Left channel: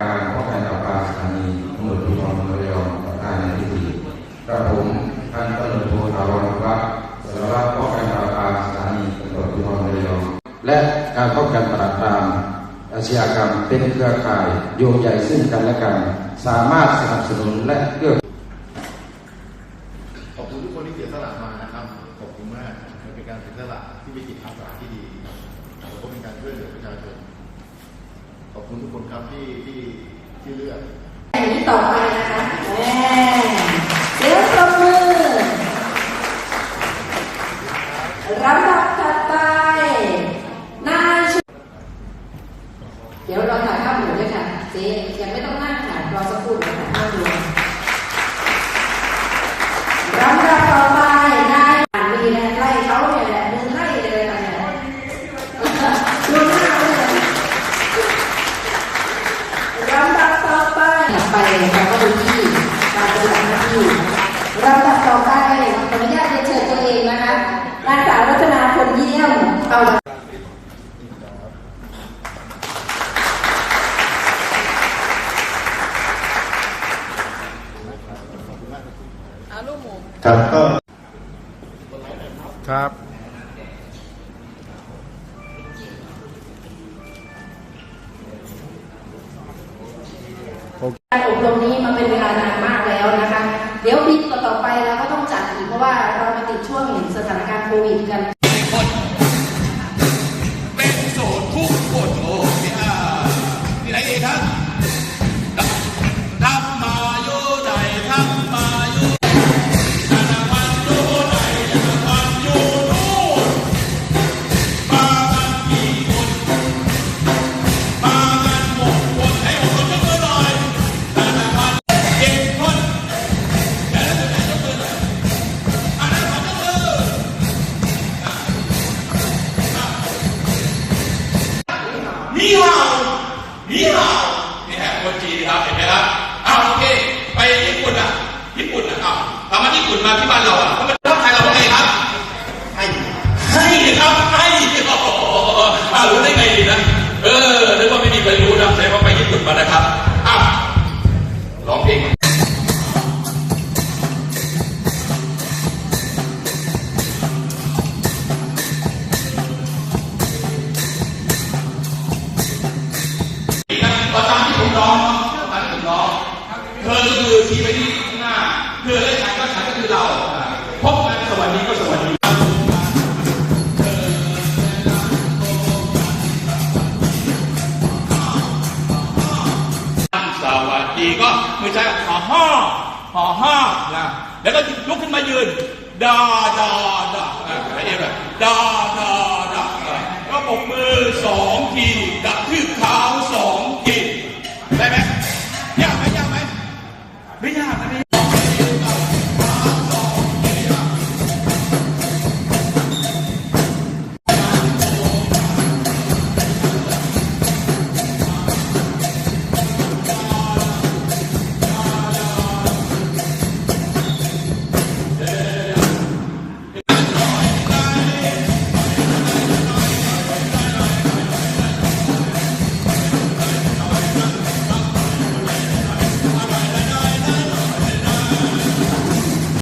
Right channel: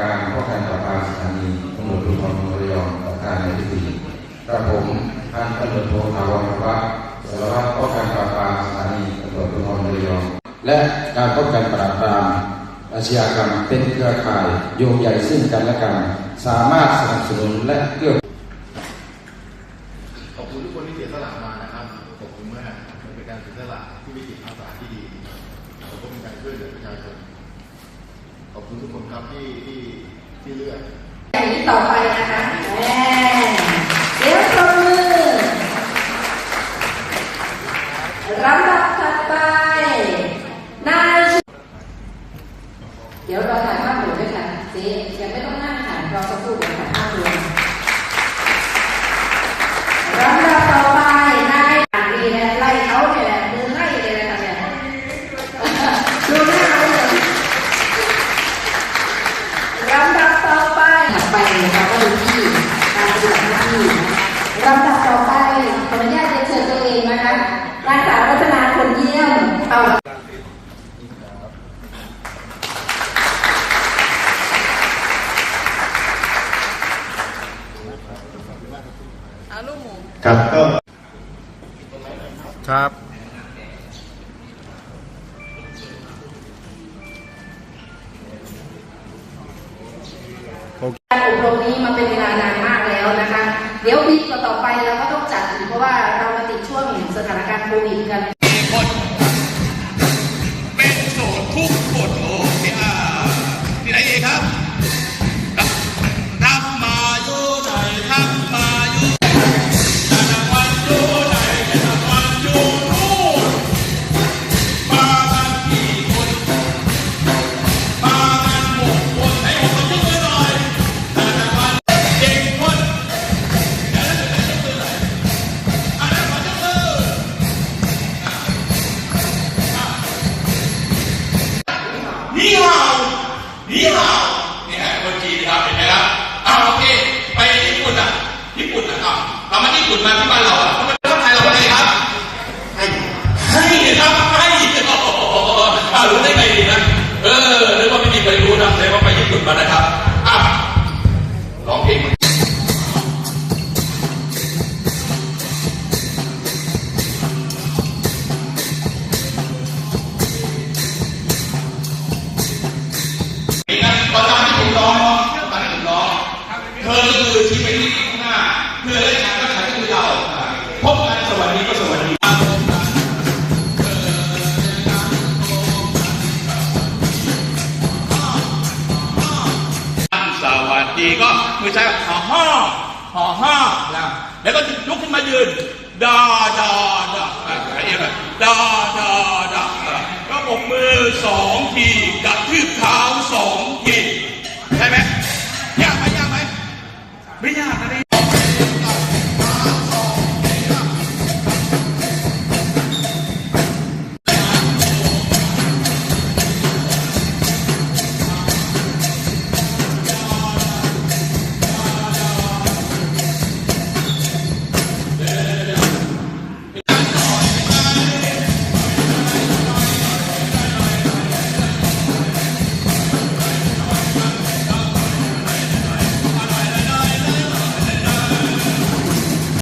การป้องกันปราบปรามสถานีตำรวจภูธรเมืองระยองประธานในพิธีกระผมพันตำรวจโทนรวัฒน์สารวัตรป้องกันปราบปรามสถานีตำรวจภูธรระยองและการป้องกันปราบปรามอาชญากรรมเป็นเครือข่ายโยงใหญ่ซึ่งกันและกัน สามารถสนับสนุนและเกื้อขอบคุณทุกคนที่เสียสละมานะครับขอบคุณมากมันเป็นการเสียสละที่มีจิตอาสาที่ดีแล้วก็เป็นการช่วยเหลือประชาชน ขอบคุณทุกคนครับที่ที่ที่เลือกอย่างนี้ต่อไปนะคะแม่เดี๋ยวตบมือลำดับถัดไปนายชุเดี๋ยวเราถ่ายภาพหมู่ด้วยค่ะเจ๊ยังไม่ ครับก็ครับการอบรมนี้มาเป็นเวลานานมากแล้วนะคะ เดี๋ยวปีต่อๆไปเราก็ต้องจัดอีกเพราะว่าเรามาติดช่วงสถานการณ์โควิดกันเป็น นี่เห่านี่ฮะคนจีนครับเห็นไหมครับเอาโอเค ไปญี่ปุ่นอะญี่ปุ่นอะเอาเอามาญี่ปุ่นมาที่บ้านเราอะเขาเป็นคนไทยเราเป็นไงครับให้ให้ครับให้โอ้โหอ้าวรู้ได้ไงดีนะเออนึกว่าไม่มีใครรู้นะแต่ว่าไปญี่ปุ่นมานะครับ ชีวิตที่ข้างหน้าเธอได้ทำก็ใช้ก็คือเราพบกันสวัสดีก็สวัสดีสวัสดีก็มือใช้ห่อห้อห่อห้อนะแล้วก็ยกขึ้นมายืนดาดาดาอะไรอย่างเงี้ยด